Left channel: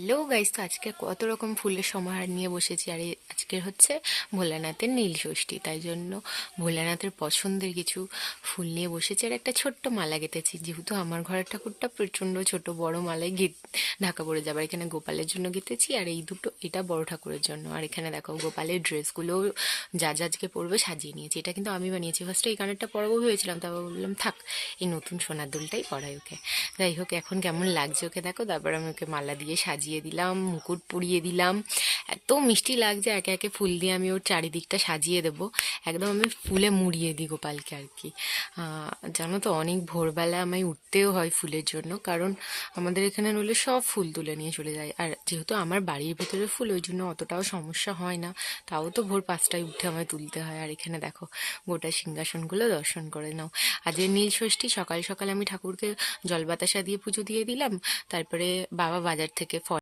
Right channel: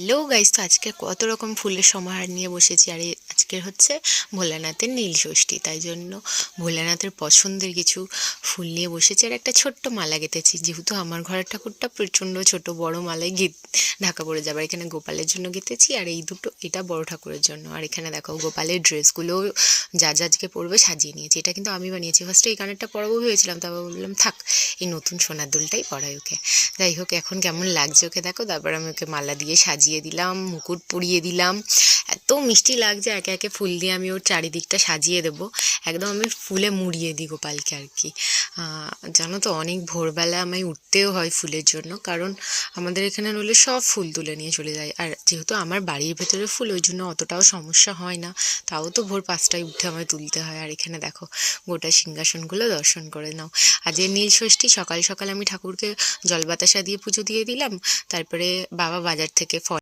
Hello guys, তো আজকে কত রকম ফুলের সমাহার নিয়ে বসেছি। আর আজকের হচ্ছে ভোলানাথের নীল ষষ্ঠী, তাই জন্য ভোলানাথের পছন্দের কিছু ফুল নিয়ে বসেছি আর একটা ছোট্ট মালা গেঁথেছি। যেহেতু আমার ঘরের ঠাকুরটা প্রচণ্ড ছোট, বড় মালায় ঢাকা পড়ে যাবে। এখানে গোপালের জন্য গেঁথেছি আর এই দুটো এটা বড় ঠাকুরের জন্য। আর এখানে দেখো গোপালের ড্রেসগুলো যা যা আজকে পরবে সাজিয়ে নিয়েছি। এটা কিন্তু আমি বানিয়েছি। ফার্স্টে এই কানেরটা পরাবো ভেবেছিলাম, তারপর বললাম থাক, এই নতুন সোনার দুলটাই পরাই ওকে। যাই হোক, এখন কেমন লাগছে ওকে দেখো। তারপর আমি ওকে মালা দিয়ে সাজিয়ে দিলাম, মুকুট পরিয়ে দিলাম। এত মিষ্টি লাগছে, একে একে ফুল দিয়ে আমি ওর চারিদিকটা সাজিয়ে দেবো। একদম আমি ফুলে মুড়িয়ে দিই গোপালকে আর কি। জানো তো, অনেক ভোরবেলা আমায় উঠতেও হয় ফুলের জন্য, কারণ আমাদের এখানে নইলে সব ফুল তুলে নিয়ে চলে যায়। আর যেহেতু আমার বাড়ির ভেতরে ফুল, ওই জন্য অতটাও সমস্যা হয় না। তাও তো ভোর 5টায় উঠে আমায় তুলতে হয়। আর এখানে দেখো গোটা সিংহাসনগুলো দর্শন করে নাও। আজকে নীল ষষ্ঠী, সকাল সকাল আমি ঠাকুরকে জল বাতাসা দিয়ে পুজো দিয়ে দিলাম। তারপরে বাবা বাজার থেকে ফল